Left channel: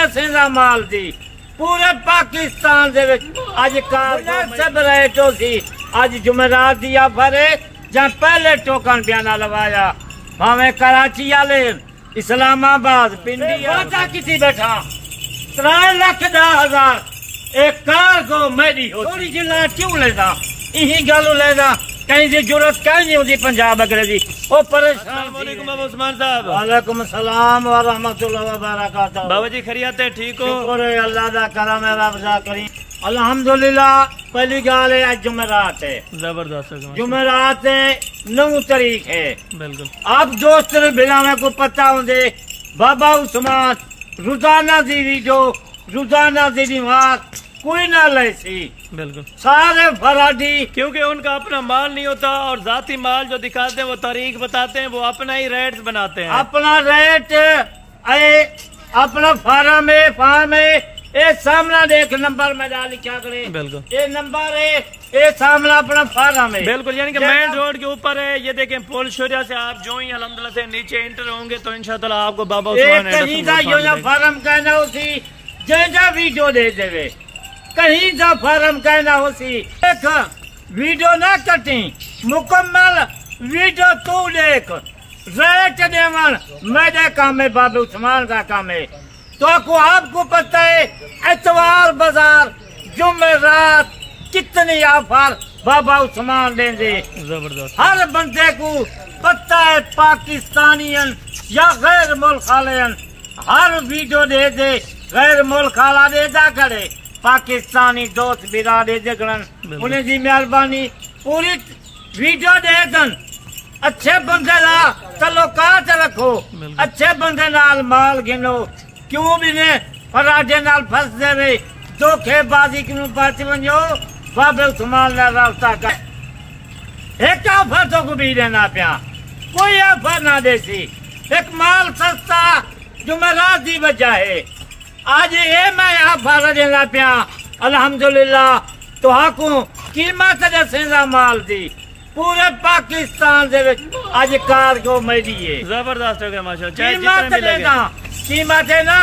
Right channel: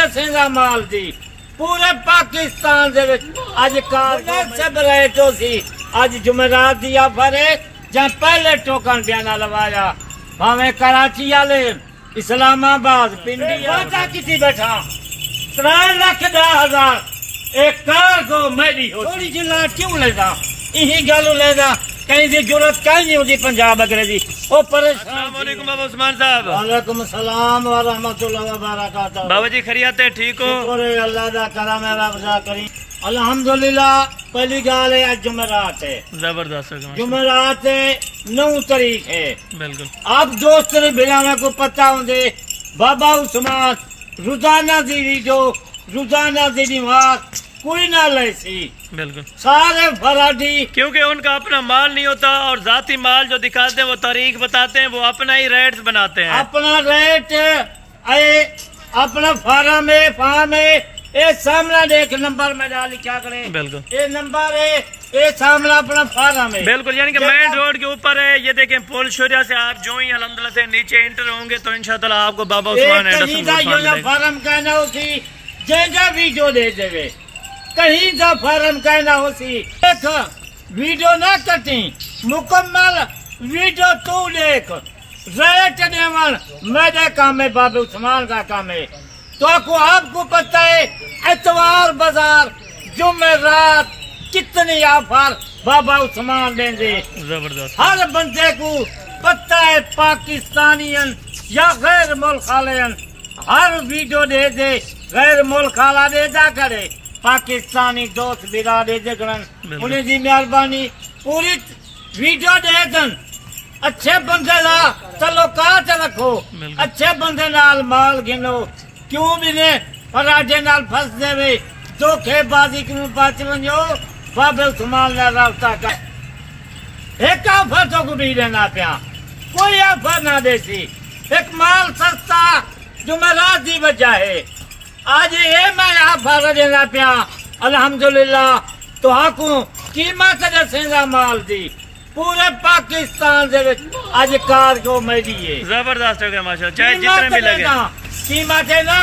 दसेगा माल दी पूरे पाकिस्तान दे विच अज कार सब रेटो सी अज जुमेरात the offer है जहां पहले टोकन बयाना लवाया भावे कराची वाले इस्लामाबाद पिंडी वादा किसी बैठा 3,10,000 एक कार को मेरी हो थोड़ी जिला क्यों लेदा यही गल लेदा कहीं की जरूरत कहीं नहीं होती पंजाब अगरे दी ओ परेशान। वालेकुम बाबा उस्मान साहब। वालेकुम सलाम व रहमतुल्लाहि व बरकातहू। बाबा जी खैरियत है, ठीक हो? शुक्र है अल्लाह दा करम है, रब दा करीम अल्हम्दुलिल्लाह। पहली गाल है आज जुमेरात है, जबरदस्त जुमेरात है 9 तारीख है। बिल्कुल आप दोस्त ने बिना में को पता होंगे बाबा उस्मान रोजाना दी वीडियो रोजाना दी बीमार कोई ना ले सी बिल्कुल सारे फराडी क्योंकि उनका अपना माल नहीं होता और जाती माल जो दिखाते हैं वो तारीख बताते हैं, वो अपना ही रेट बनाते हैं। अपना रेट अपना फार्म है ये सामना देख नंबर में डाल क्या करे बिल्कुल ये नंबर है ये सामना अपना फार्म है बिल्कुल यानी कि मेन रोड के ऊपर है। ये देखें पुल शौर्या से आप जो ही अल्हम्दुलिल्लाह से नीचे एंटर होंगे तो इंशाअल्लाह आपको बाबा उस्मान फार्म कहना होती जैसा वीडियो दे देवे कहीं का फार्म कहना होती एक वीडियो ना कटी मुकम्मल वीडियो तू देख रेट देवन मेरे काम है बाबा उस्मान का काम है। तो आपको पता है एतवार बाजार जुमेरात कितनी ऑफर बाबा उस्मान देंगे जबरदस्त। हर बंदे को पता है पाकिस्तानियन या गैर मुल्क वालेन हर वीडियो दे दे गैर मुल्क वाला देदा करे पाकिस्तानी दोस्त बिरा दे जगन उन्हें की मेहरबानी पूरी वीडियो दे दन अच्छे बंदे ला तल्लुकात रखो अच्छे बंदे नाल माल गिनो क्यों भी ने पराठे नाल फंस देवे धोखेबाजी क्यों बच वनो बाबे उस्मान नाल राबता कर एक ऑफर तो को भी देना पिया कोई ऑफर ना देसी एक माल सस्ता जुमेरात दी वजह है आज ये मैं ऑफर देना पिया अल्हम्दुलिल्लाह तो हाकू कीमत दसेगा माल दी पूरे पाकिस्तान दे विच आज कार को मेरी है जबरदस्त हो गया माशाल्लाह। चाहे जितने भी लगे कीमत है ना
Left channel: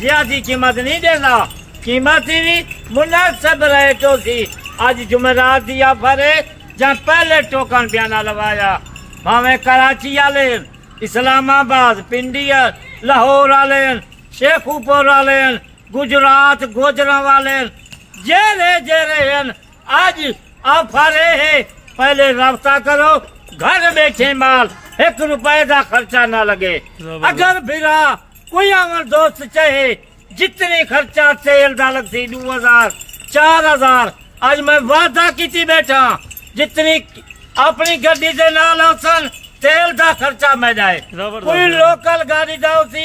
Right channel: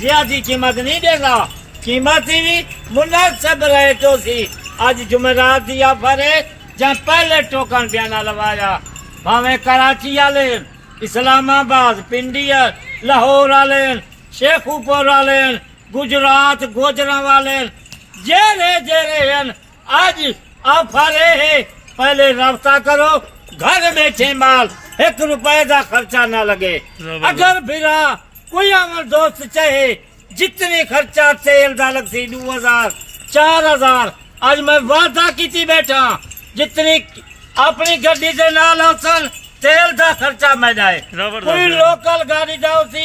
ज्यादा कीमत नहीं देगा कीमत भी मुनासिब रेटो सी आज जुमेरात दी ऑफर है जहां पहले टोकन बयाना लवाया भावे कराची वाले इस्लामाबाद पिंडी लाहौर वाले शेखुपुर वाले गुजरात गोजरा वाले जेरे आज ऑफर है पहले रब्ता करो घर बैठे माल 1 रुपए का खर्चा ना लगे। अगर फिरा कोई अमर दोस्त चाहे जितनी खर्चा तेल का लगती 2,000 4,000 आज मैं वादा की बैठा जितनी अपनी गड्डी के नाल सन तेल का खर्चा मैं जाए कोई लोकल गाड़ी जाओ सी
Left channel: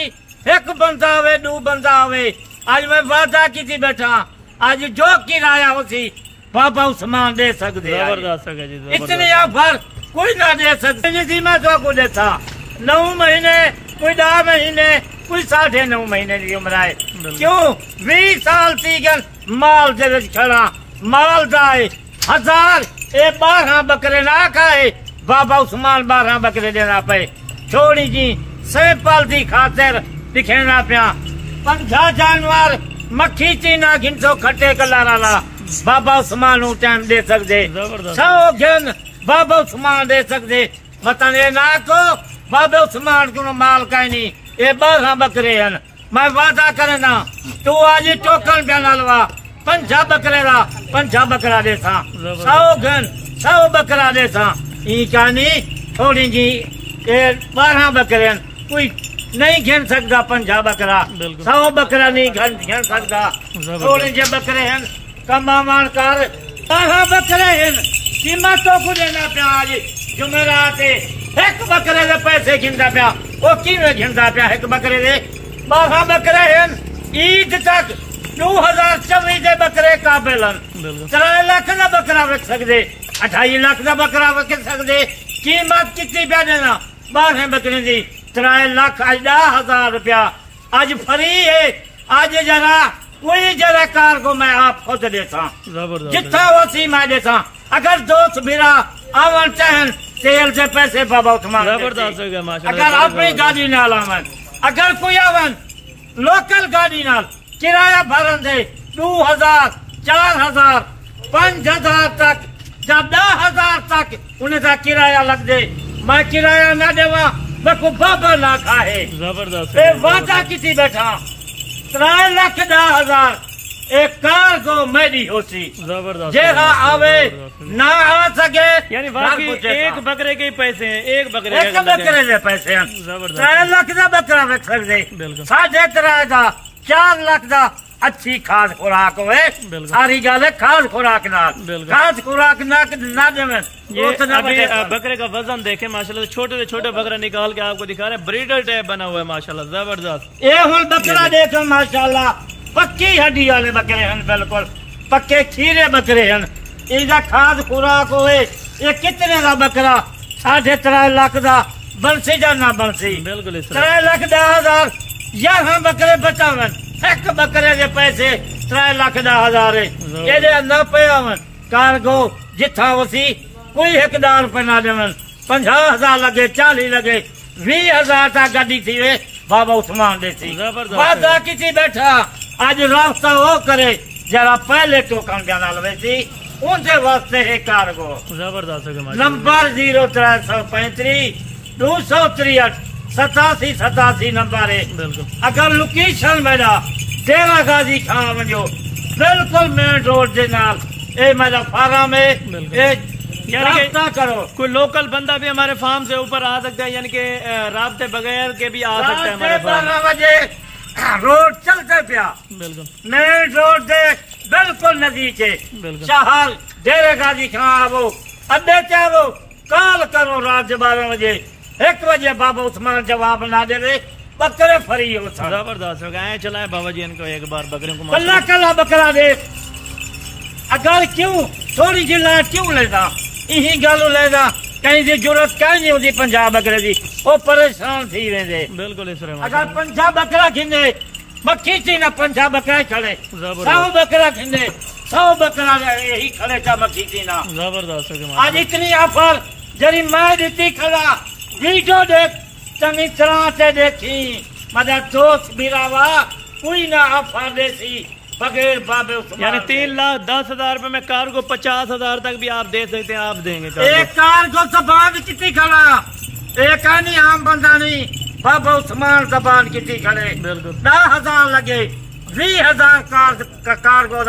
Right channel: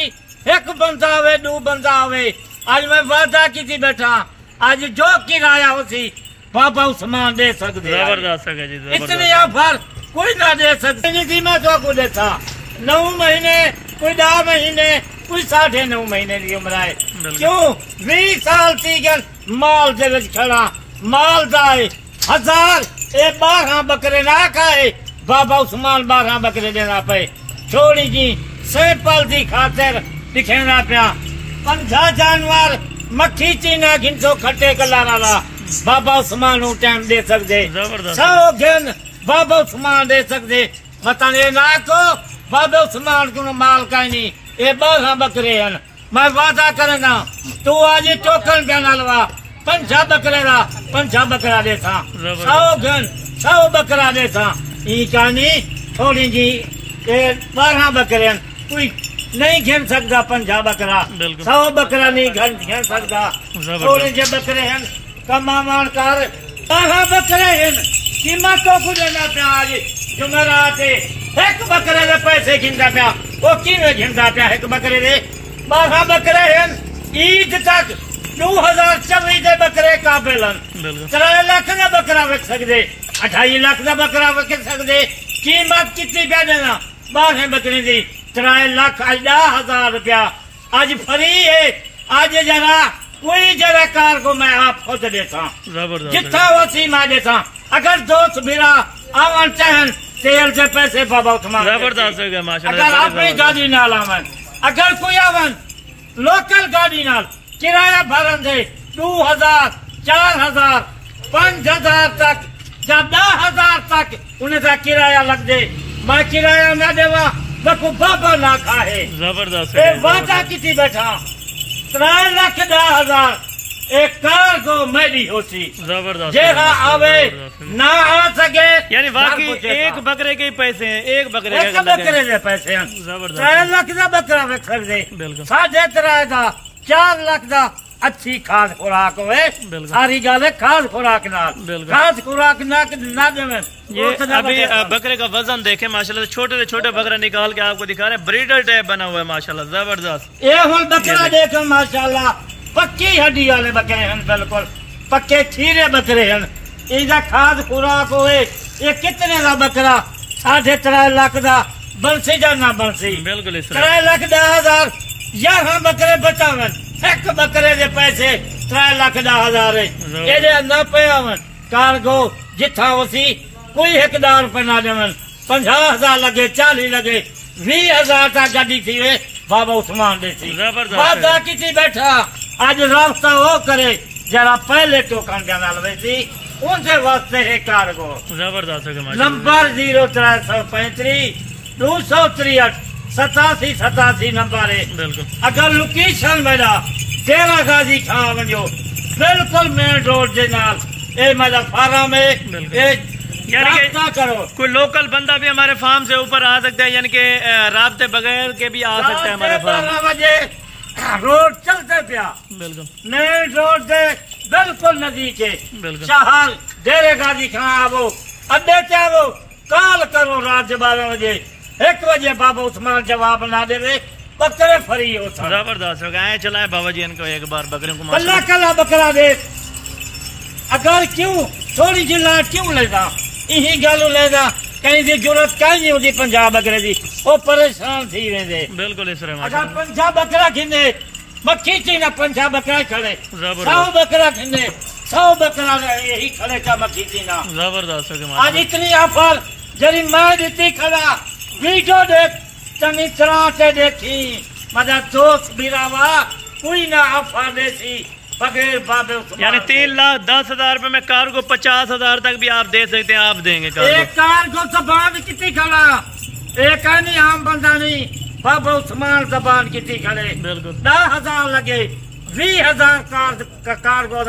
1 बंदा आवे 2 बंदा आवे आज मैं वादा की बैठा आज जो किराया हो सी बाबा उस्मान दे सकते इतनी ऑफर कोई ना दे सकते मैं तो को देता 9 महीने कोई 10 महीने कोई 9.5 महीने की उम्र है क्यों 20 साल सीगन माल दे खड़ा माल जाए 1000 ए 12 बकरे ना खाए बाबा उस्मान 12 बकरे देना पे छोड़ी जी सैपल की खातिर दिखेना पिया 50 जानवर मक्खी चीना घिंसो खट्टे कलारा बाबा उस्मान टाइम दे सकते 100 घन बाबा उस्मान दे सकते बताने ना को बाबा उस्मान को माल का नहीं ये 12 बकरे हैं मैं वादा करना तू आज टोकन बयाना लवा 50 बकरे ला 50 बकरा देता 100 घन 100 बकरा देता ई कहानी थोड़ी जी 12 बकरे कोई नहीं घिन सकता 50 बकरा 100 बकरा नहीं घिन सकता थोड़े जे बकरे हैं कमावान कर 12 बकरे हैं कीमतों को देना पिया आज जुमेरात 1 बकरे के पैसे घिनता पिया वो किवें घिनता पिया 1 बकरे दे 12 बकरे हैं ईद तक 2024 के बकरे काबिल 3 लाख का बकरा रख सकते 28 लाख का बकरा रख सकते कीमत कितनी पे देना 12 बकरे की 3,10,000 रुपया आज फ्री है आज जरा कोई जरा कार को मैं आप खुद देता जितना वो सीमा देता अगर दोस्त मेरा आवन चाहन तेल से पैसे बाबा उस्मान जबरदस्त हो गया माशाल्लाह। अगर अपनी गाड़ी न लावन अगर कोई आवन लोकल गाड़ी नाल किराया भरन दे 2000 4000 5000 तक या 10,000 तक उन्हें का किराया लग दे। मैं किराया ना देवा मैं बाबा ना खाए। जबरदस्त वादा की बैठा 3,10,000 एक कार को मेरी होती। जबरदस्त जेहा आवे ना आ सके यानी वाकई एक बकरे के पैसे हैं, एक बकरे के पैसे हैं। 3 लाख का बकरा रख दे, 3.5 का 4 लाख का अच्छी खाद खुराक होवे। सारी गल है खाद खुराक नाल, खाद खुराक ना देवे। ये अभी बकरे का वजन देखे माशाल्लाह, छोटे से छोटे बकरा निकाल के आपको दिखा रहे हैं, ब्रीडर टाइप बना हुआ है माशाल्लाह, जबरदस्त। ये हुन बकरा देखो माशाल्लाह पक्की हड्डी वाले बकरे हैं, बिल्कुल पक्के खीरे बकरे हैं। इनका खाद खुराक होवे। ये कितने का बकरा 3.5 लाख का बंसी या ना बंसी, बिल्कुल 3,10,000 यहाँ बकरे बचावन। एक बकरे के पैसे 3,10,000 ये ना पे आवन। कारगो जिथा वसी कोई 1,000 रुपए ना देवन। 50,000 लगे 40 लगे 20,000 तक गाड़ी थी वे बाबा उस्मान देती। वादा किसी बैठा आज रास्ता वो करे जरा पहले टोकन जाना लवेसी उनसे वास्ते है कारगो। जबरदस्त नंबर 0335 263 87 नंबर है। अगर लोकेशन मेरा डेरा गाजी खां वजो बिल्कुल मेन रोड के नाल ए मेरा फार्म है। राब्ता करो। कोई लोकल बंदा भी हमारे फार्म से ऊपर आ सकता है, यानी कि राब्ते बगैर के भी आ सकता है हमारे फार्म। रोड चलते पिया, बिल्कुल मेन रोड से बिल्कुल नजदीक है। शहर डेरे गाजी खां आवो, अड्डे से आवो, कॉल करो रात 12 बजे 1 बजे बाबा उस्मान जवाब ना देवे बकरे फरी हो। जबरदस्त हो गए चलाए बाबा जी इनको एक बार बकरियों को कल्ला कल्ला बकरा दे। अगर क्यों थोड़ी जी लाट क्यों लेगा यही गल लेगा कहीं की जरूरत कहीं नहीं होती। पंजाब बकरे की वो परेशान थी वेंदे। बिल्कुल इस तरह अगर पंजाब बकरा खिंदे मक्खी थी ना पंजाब बकरा खड़े 100 बकरा खिंदे 100 बकरा यही खड़े का मक्खी थी ना। जबरदस्त आज इतनी ऑफर जरी मैं देती खड़ा वीडियो देख चंगी तरह से देखी मजा दोस्त बिरावा कोई ना ऑफर देती बगैर बाबे। यानी 3,10,000 रुपए में कार को 50,000 तक भी आप दे सकते हैं, आप देंगे एक कार को जबान कितनी खड़ा एक नहीं आम बंदा नहीं बाबा उस्मान जबान कितनी खड़े। 10,000 लगे 20,000 कार को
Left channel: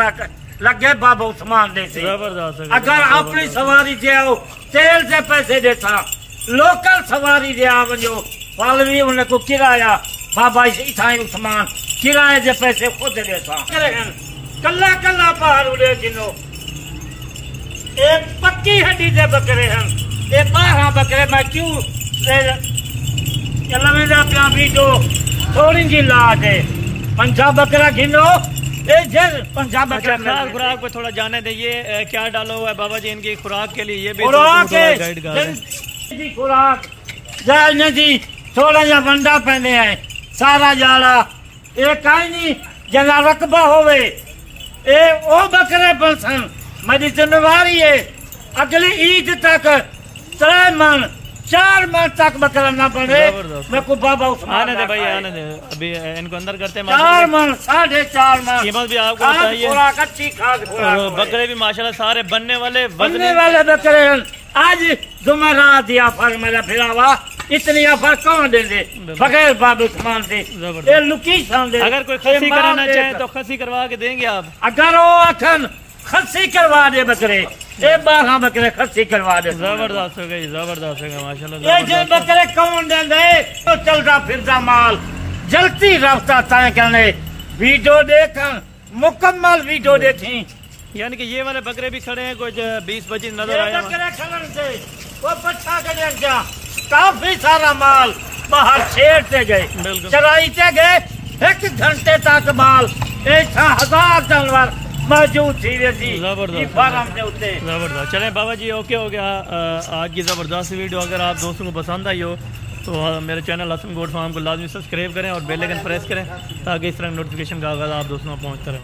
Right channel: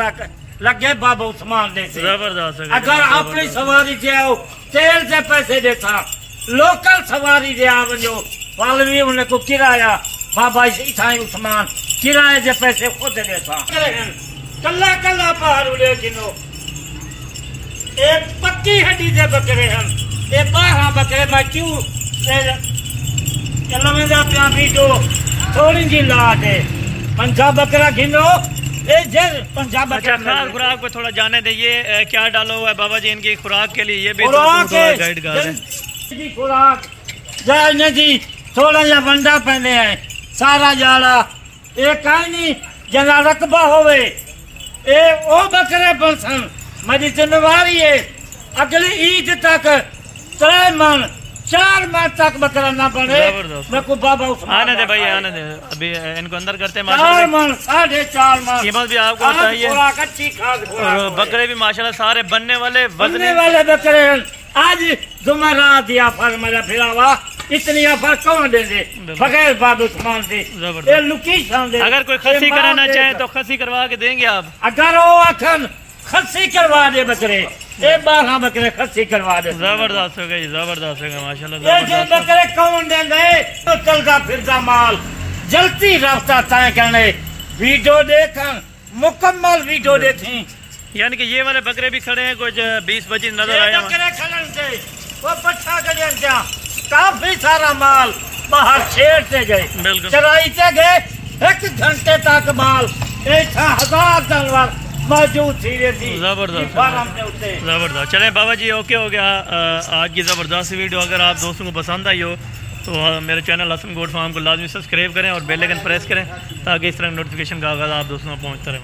लगे बाबा उस्मान दे। जबरदस्त। अगर अपनी सवारी से आओ तेल से पैसे देता लोकल सवारी से आओ जो वालवी उन्हें को किराया बाबा इसाई उस्मान किराए के पैसे खुद देता। कल्ला कल्ला पहाड़ उड़े जिनो एक पक्की हड्डी से बकरे हैं। ये 12 बकरे मैं क्यों को थोड़ी जी लाट है। पंजाब बकरा गिनो पंजाब बकरा खाद खुराक पे थोड़ा जाने दे। ये क्या डाला हुआ है बाबा जी इनकी खुराक के लिए? ये भी गाइड कर रहे हैं। खुराक जी थोड़ा जा वंडा पहने हैं सारा जाला ये कहीं नहीं जना रकबा होवे ए ओ बकरे बसन मेरी जिम्मेवारी है। अगली ईद तक 3 मन 4 मन तक बकरा ना बने मैं को बाबा आने दे भाई आने दे। अभी इनको अंदर करते हैं। 4 मन 4.5 मन कीमत भी आपको बताइए। अच्छी खाद और बकरे भी माशाल्लाह सारे बनने वाले बनने वाले बकरे हैं। आज जुमेरात दिया फल मेरा फिरावा इतनी ऑफर कौन दे दे बगैर बाबू उस्मान से। अगर कोई खसी कराना चाहे तो खसी करवा के देंगे आप? अगर वो अठन खसी करवा दे बकरे 12 बकरे खसी करवा दे। जबरदस्त हो गई जबरदस्त हो गई माशाल्लाह। बकरे कौन देंगे तो चलता फिरता माल जल्दी रास्ता तय करने वीडियो देखा मुकम्मल वीडियो देखी। यानी कि ये वाले बकरे भी खड़े हैं कुछ 20-25 नजर आए काफी सारा माल बाहर छेड़ते गए चराईते गए 1 घंटे तक माल 1000 जानवर मौजूद थी। जबरदस्त। चलें बाबा जी ओके हो गया आज की जबरदस्त वीडियो। अगर आप दोस्तों को पसंद आई हो तो मेरे चैनल हसन गोट फार्म को लाजमी सब्सक्राइब करें और बेल आइकन प्रेस करें ताकि इस तरह नोटिफिकेशन का आगाज़ आप दोस्तों को पहुंचता रहे।